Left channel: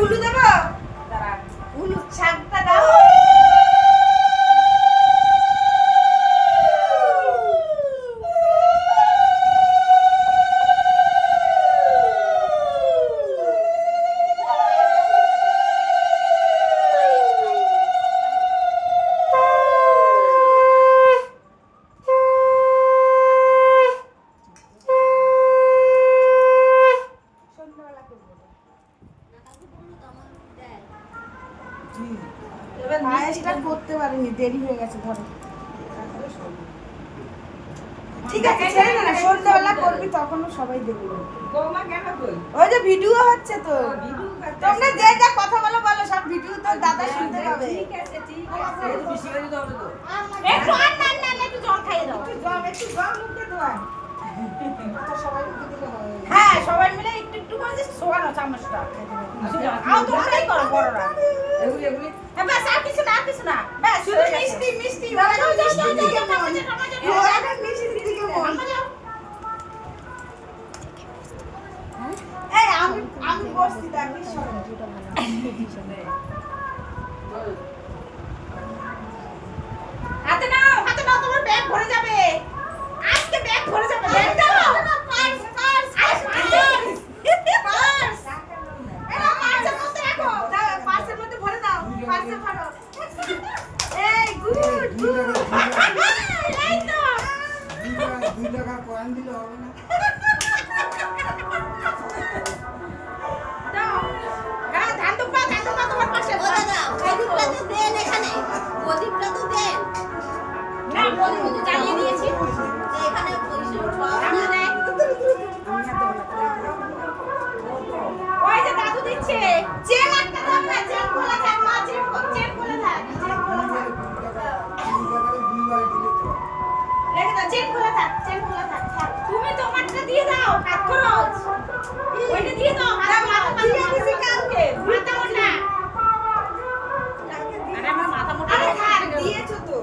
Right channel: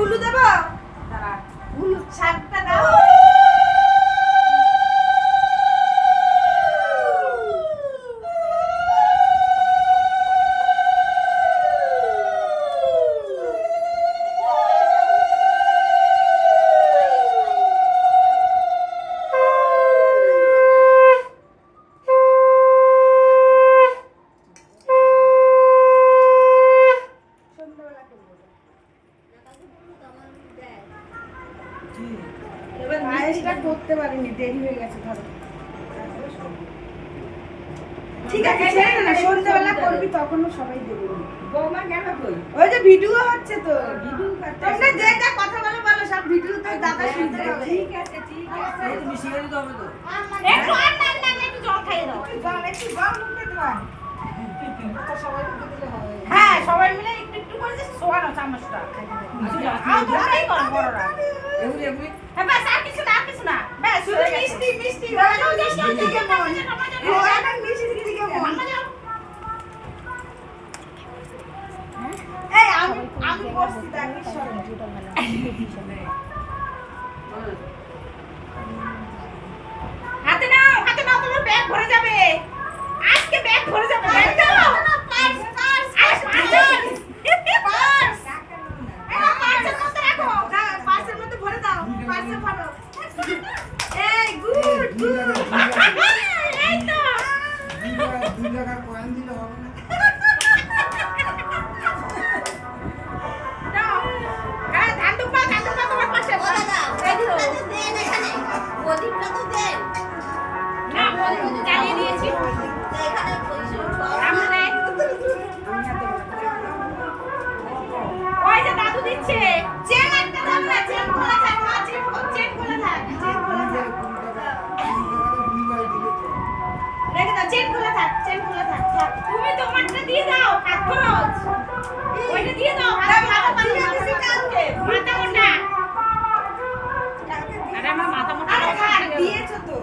Hulu দেবো? Hulu শাকটা দাও। এবার পায়েসটা করতে পারিনি দেরি হয়ে গেছে ধরো। ঠিক আছে ছেড়ে না সন্ধ্যাবেলা করবি তখনও সবাই দেবে বৌমা কেন কই? ওই যে ভিডিও হচ্ছে তো। ভিডিও তোমরা যে যা কথা বলো বলো সব ভিডিও তো দাদা শুনতে পাবে ঠিক আছে ঠিক আছে। তুমি শিখে দিতে হবে তো একটু আর না না না, একটু জল খাইয়ে দাও একটু জল একটু জল মুখে দেওয়া হ্যাঁ সবাই মিলে একটু একটু করে যে শোয়ানো চামচটা আও তোমরাই করো বড়রা এগুলি এগুলি হ্যাঁ ব্যাস আর কিছু না আর কিছু না ব্যাস শুধু মিষ্টি মিষ্টি এখন দিকে মন এখন দিকে মন এই আমি আমি বসছি দেখি হাতে নাও হাতে নাও তোমার ব্যাগ ভরে যাবে আজকে ব্যাগ ভরে যাবে ব্যাগ দাও পার্স পার্স পার্স পার্স এরা পার্সের মধ্যে রাখো দাও পার্সের মধ্যে ভরে দাও পার্সে ভরো এই গুড গুড এই তো দুই টাকা কয়েন দিলে হবে না দাও ধান দুপা ধান দুপা তোমার পাশে। এই তো। না জ্বালিয়ে দিয়েছ তো।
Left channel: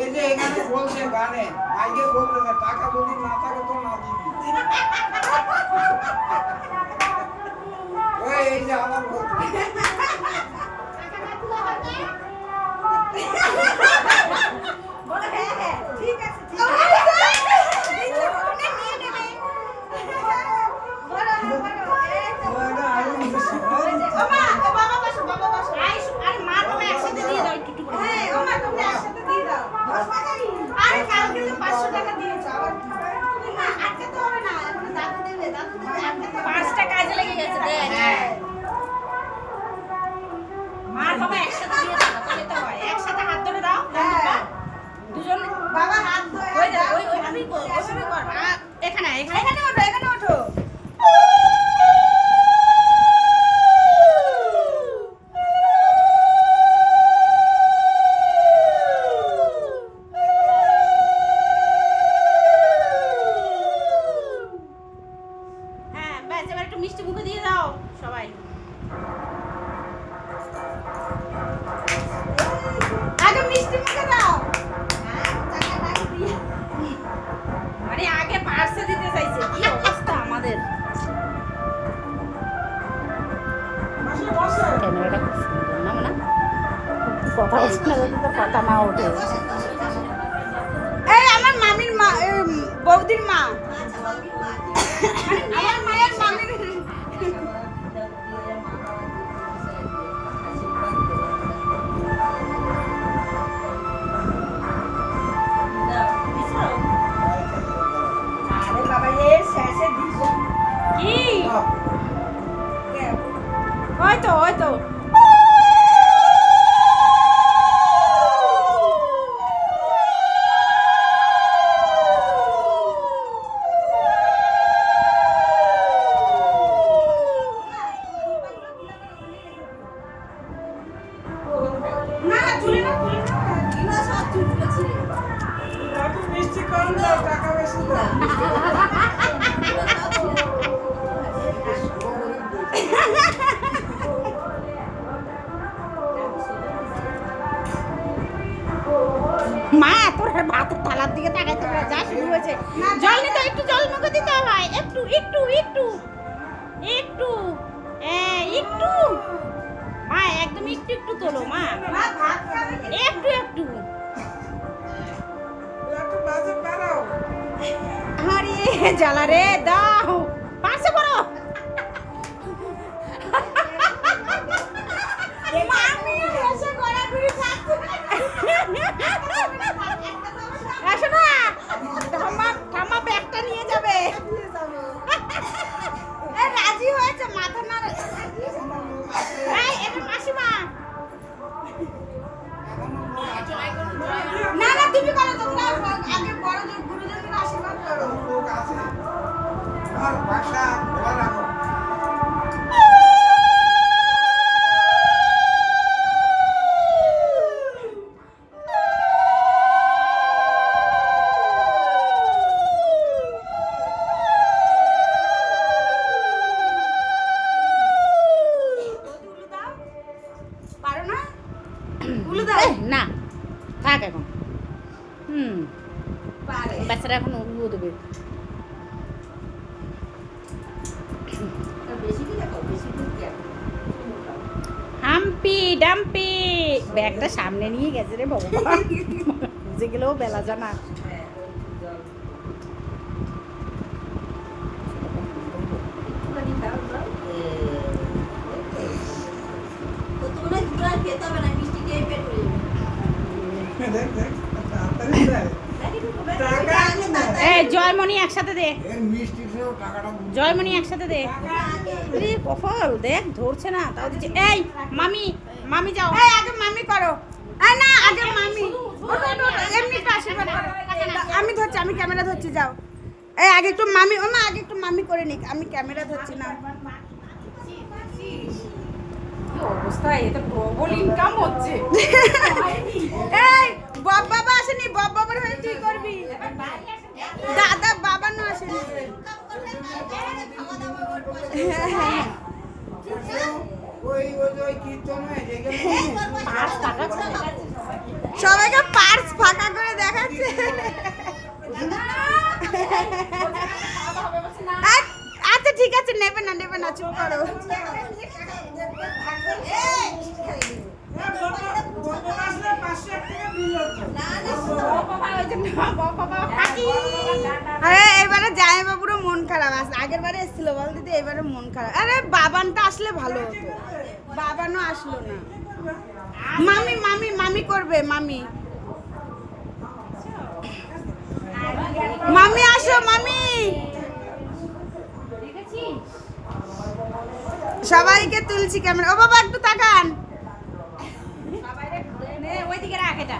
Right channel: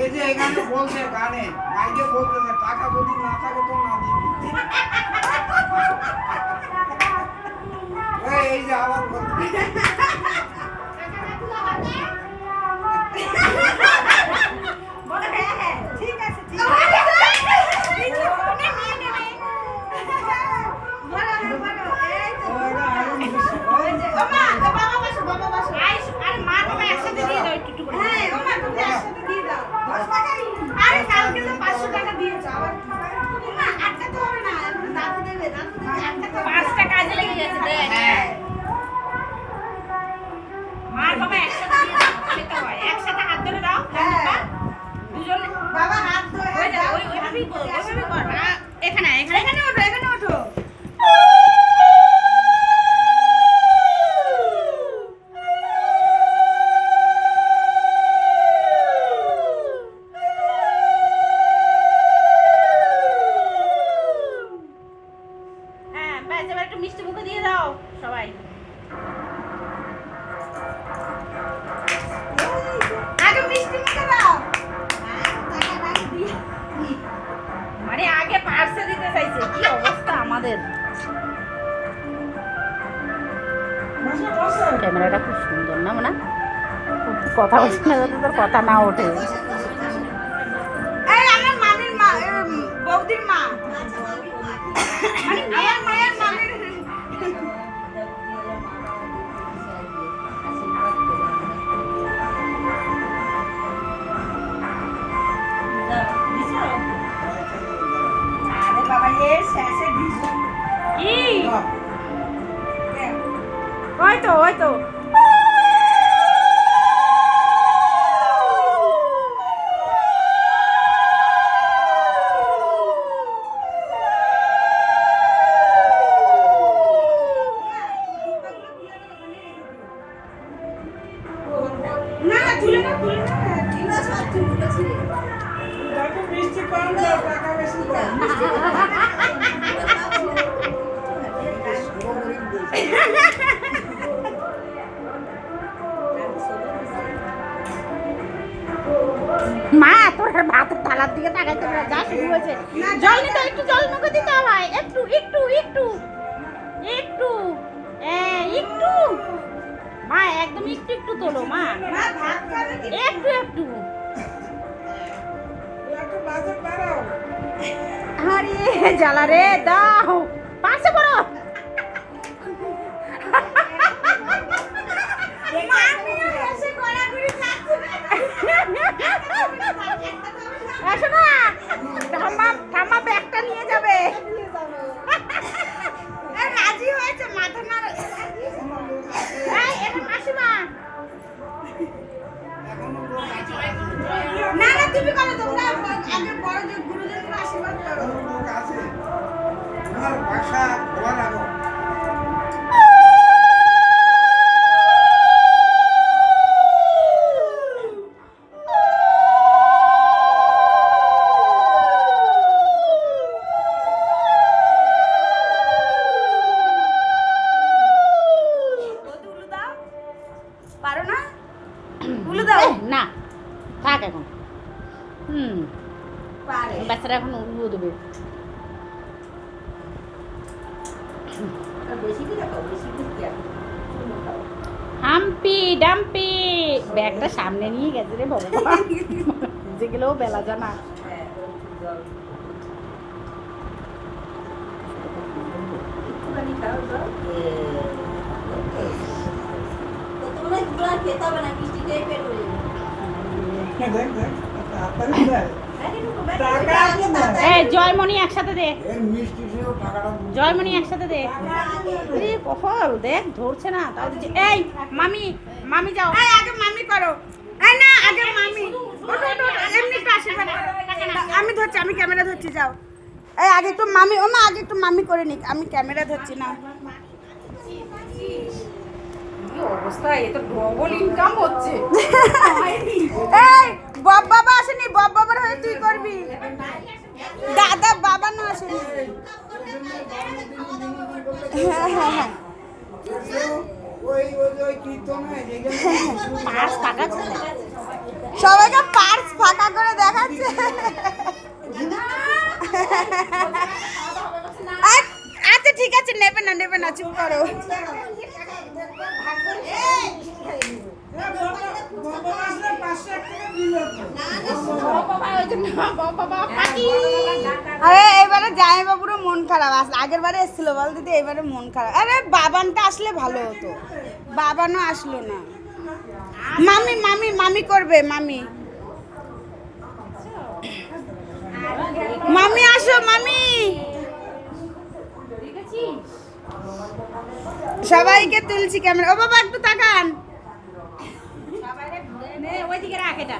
এই যে এখানে বলছে গানে, মাইকে বলতেছে টাকা যদি না থাকে না দিবি। ওই, এই যে আবার বলছে। বলো হ্যাঁ হ্যাঁ ঠিক আছে ঠিক আছে উনি নিয়ে নেবে বলো বলো এই তো ওই যে, ও মা, ও বাবা বসো, বাবা বসো। আরে মা, বাবা একসাথে দিয়ে দাও একটু একটু করে। হ্যাঁ, ও মা, তুমি একসাথে দিয়ে দাও। আরে কালকে তো 500 টাকা দিয়েছ, আবার তুমি না, আটকাতে হবে না, এখন দাদু দেবে, দাদু দেবে, আটকাতে হবে না। পাঁচটা কাজে লেগে গেছে দেখ হ্যাঁ। মা বাবা একসাথে হয় একসাথে হাত ধরে দাও হ্যাঁ। দুজন বাবা হাত ধরে ওই ওই এখানে এখানে এখানে ওঠো, এখানে ওঠো। কথা বলছি না যাতে তোর কথা না ওঠে। এই আমার মামির মা বৌদির মা। আমার মায়ের মামির আরে বাবা মা তোর ভাতের থালার দিকে তাকাইতে পারে যা শুরু হয়েছে। জল নিতে একটু জল মুখে দিতে হয়। একটু একটু একটু একটু একটু। মা একদম একটু একটু তোলো মা? একটু একটু। আরে জ্বালা রে দাও। পাশে করো? মা নিয়ে এসে গড়াগড়ি খাচ্ছে। এসো না। ঠাম্মা ঠাম্মা ব্যাগটা নিয়ে যাবে। দাও। না থাক এখন। হুম বাচ্চারা এখন উলু দেবে। Humpty Dumpty. ব্যাগটা সামনে নিয়ে গেছে রে বাবা। বুঝে গেলেও বেলা জানা। হ্যাঁ একটুখানি খেতে হবে না মিষ্টি খেয়ে পেট হয়ে যাবে। দেখ দেখ তাড়াতাড়ি এই জয়মণি একসাথে দে। জয়মণি একসাথে দে। কফল দেখ ধরছে না তাও দিচ্ছে। এই মামি মামি যাও। এই আগে মামি করো। এই না আগে মামি। আমি ধরছি আমি ক্যামেরা ধরছি যাও। এই আগে একটু মামি ও মা আগে একটু মামি করে নিক। আমি ক্যামেরা ধরছি না। বব আসেনি বব বাবার হয়ে তুই করবি। দাদা না আসেনি। সবাইকে পার্স ফাঁকা করে দেখাচ্ছে। আচ্ছা ঠিক আছে, নেবে না নেবে না, চুপ করো। আরে, এবারে জামাই মন খারাপ আস আগের বারে বল দিদি, এবারে মন খারাপ। আরে, বাবানটা আসলে ভালো হতো। বাবানও আসলো না। মামি মামি মামি করবে, মামি। মামি আসো, মামি। সবাইকে তুলছি ক্যামেরা ও বাবা একটু তাকান। নে ওইদিকে রাখ এটা।